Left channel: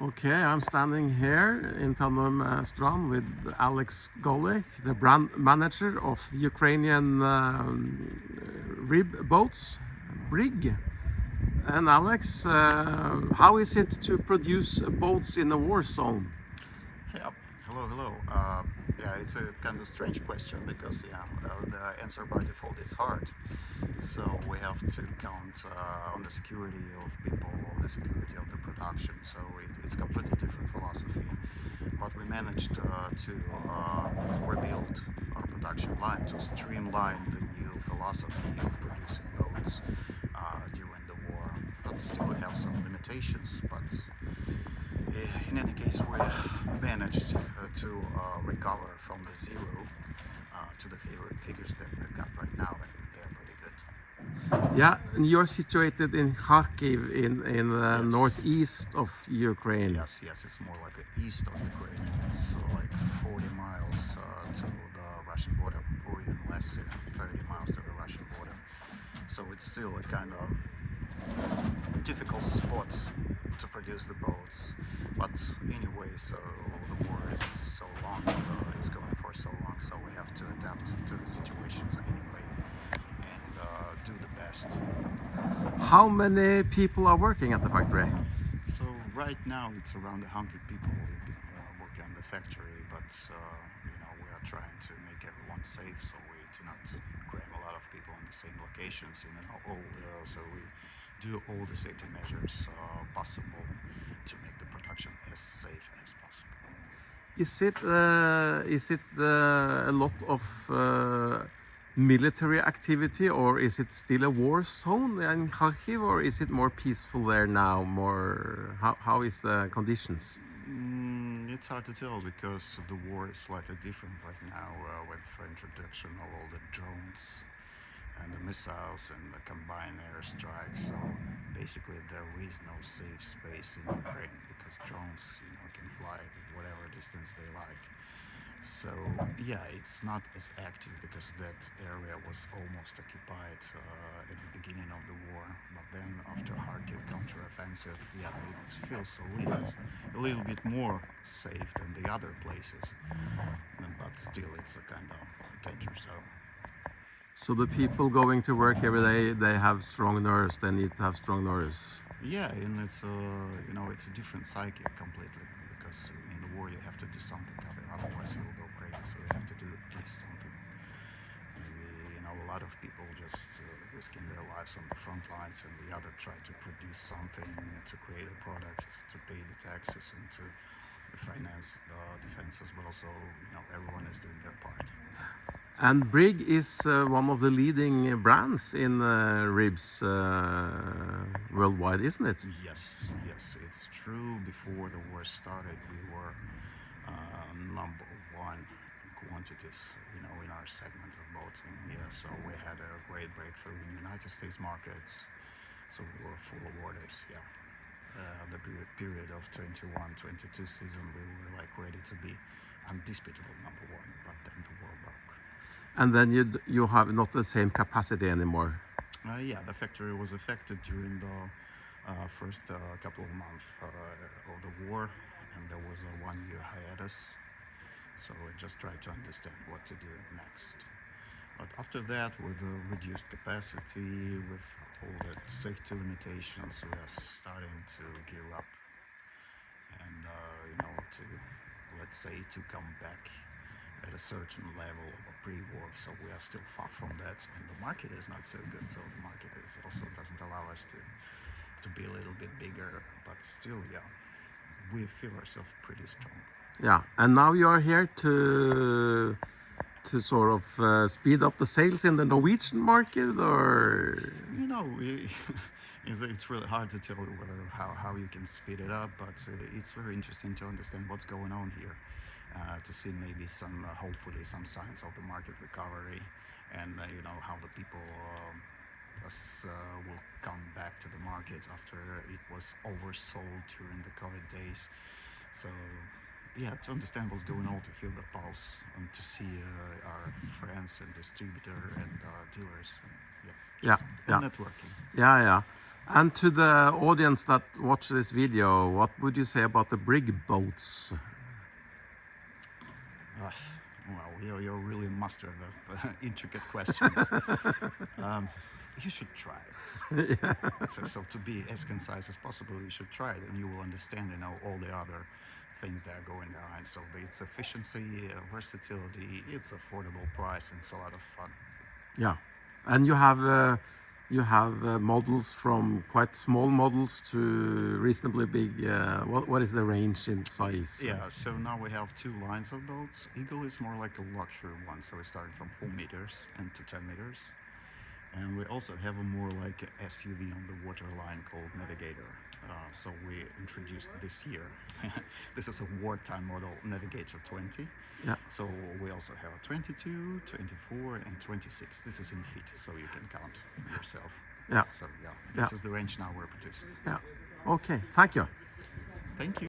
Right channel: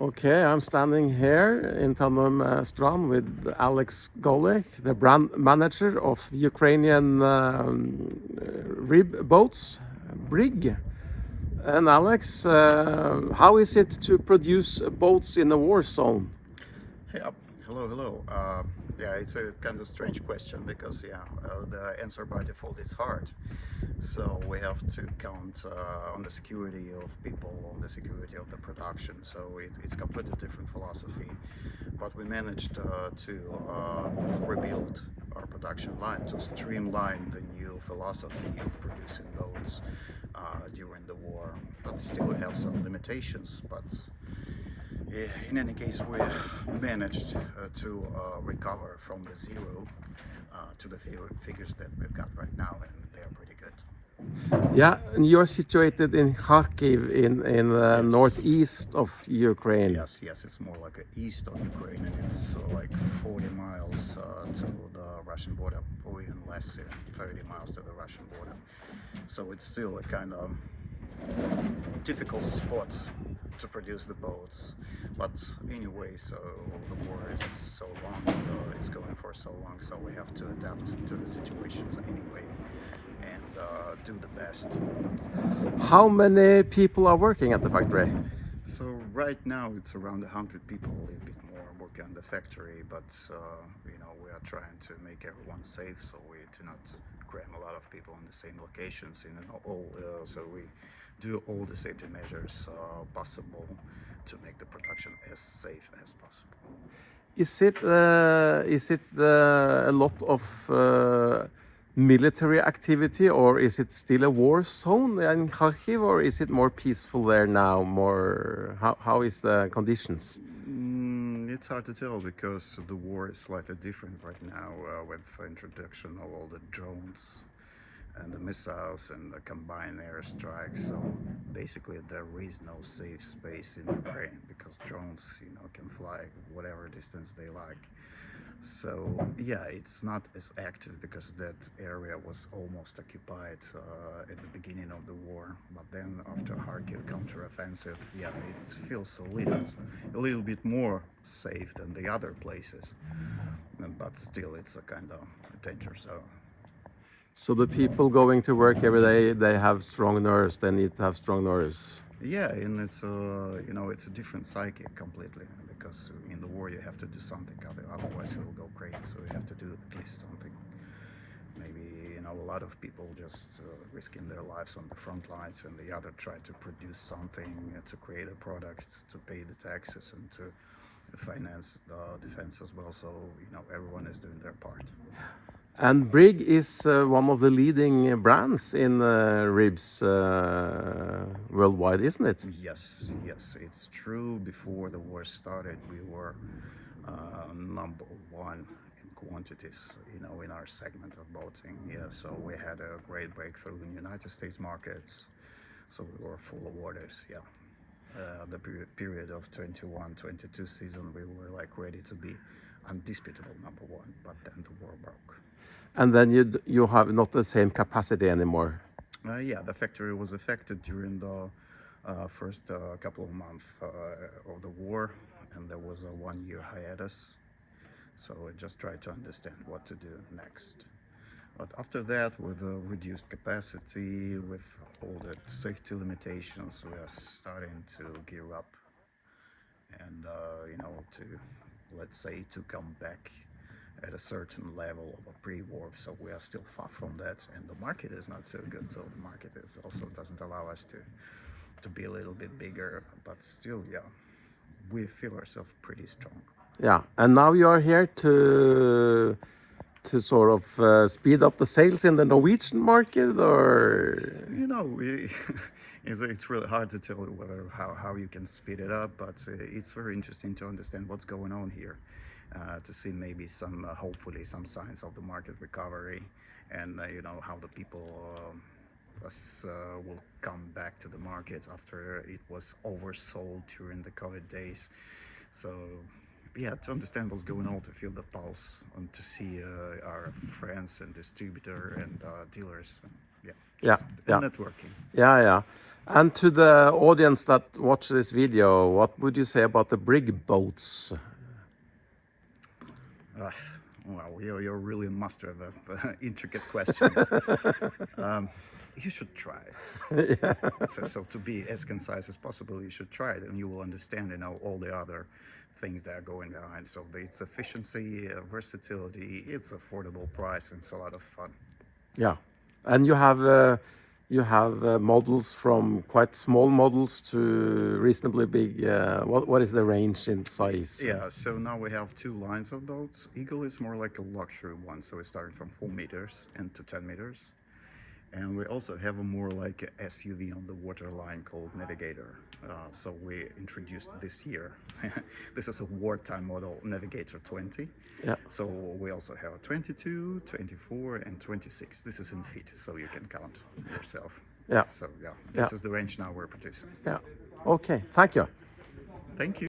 Okay, I'm standing here in Tanum Strand with Alex Golek, the brand manager of the Ukrainian RIB boats, Brig. And Alex, how is it to produce boats in a war zone? Yeah, hello. Yeah, it's a kind of strange question because the answer by default is hard. So we have to count on the security of people, on the security of the production. So it's completely different philosophy. But we managed to rebuild our production line, to streamline the new philosophy of producing boats during the war. But still we have some limitations. But in any case, we managed to recover from the zero to the figures that we've got right now, and they're pretty good. Yeah, and you're situated in Kharkiv in the Yes. northeast of Ukraine. Yes, it's more like the east of Ukraine, and it's like 40 miles to the Russian border, or even less, 30 miles to the Russian border. So it's still a kind of difficult spot to produce the boats. But anyway, so the war is so long, it's going for so long, so we have to adapt to the situations anyway and do the best. How many people are working at the factory? So right now it's around 100 people, a little bit more working on the factory, but we are trying to make everyone safe, so we do not cram a lot of people in the same locations. So we do all the safety measures possible to make the production as safe as possible. Is it a lot of military activity, or is it still a war zone in Kharkiv, or is it more peaceful there now? How is the conditions? It's hard to tell because the war is slightly different right now with the introduction of all the drones and the missiles and the combined airstrikes. So basically there is no safe space in Ukraine because drones, can fly whatever distance they like. So yeah, it's not as active because that area was almost occupied at the beginning of the war. But then after Kharkiv counteroffensive, it feels a little bit more safe than the other places. But still, it's a kind of danger zone. So the people going to work every day, they have strong nerves. They need to have strong nerves. Yeah, and it's a different psyche completely because in the war you have to do something, otherwise you will go crazy. So you have to do at least something. Maybe a lot of people just risking their lives on the front lines, and the other try to produce something to create a product, to pay the taxes, and to finance the defense as well. So everyone is doing their part. And Brig is one of the leading brands in ribs worldwide, isn't it? Yes, it's true. Before the war started, we were number one in quantities, in our segment of boating. Yeah, so we had a great breakthrough in the United States markets. So we were full of orders. Yeah, the period of 21-22 season, we were like ready to be undisputable number one. But then the war broke. And then you have not the same capacity anymore. The factory was affected during the first couple of months of the war, and there was a 1-year hiatus. So we just tried to understand what to do next. But after that, with the reduced capacity, with all the safety limitations, we are starting to gear up and to come back at a certain level of a pre-war. So we are still far from that, and the market is not so good. So the market also doesn't allow us to be a little bit bigger, but still, we feel ourselves pretty strong. Yeah, and now you are here to sort of speed up the sales in the Norwegian market, or it's really hard to tell how you can speed it up, but it's very interesting to understand what's going on here. To see maybe hopefully some signs of the market recovery, and how the people will come back to the market after it was oversold during the COVID days. So to understand what's going on, to feel the pulse, and to see our friends and distributor and dealers, yeah, networking. Yeah. And to the audience that watch this video, what would you say about the brig boats? Well, you're really a master of intricate questions. You should try it. Yeah. So to be as concise as possible, you should try it, and you will understand, all the other things that are going behind. So it's efficiency, versatility, it's affordable price, and it's a lot of fun. Yeah, and you have models from quite small models to reasonably big. What is the range in size? Yeah, so now we have two lines of boats. Eagle is more like a luxury one, so we started from 4 meters and to 10 meters. And we also have a more like a SUV on the water line called Navigator. So we introduced this year. This is a wartime model, Navigator 20. Yeah. So we also have 22, 24, and 26. This is in feet, so you can count yourself. Yeah. So this is the range now we're producing. Yeah. Okay. Thank you. Thank you.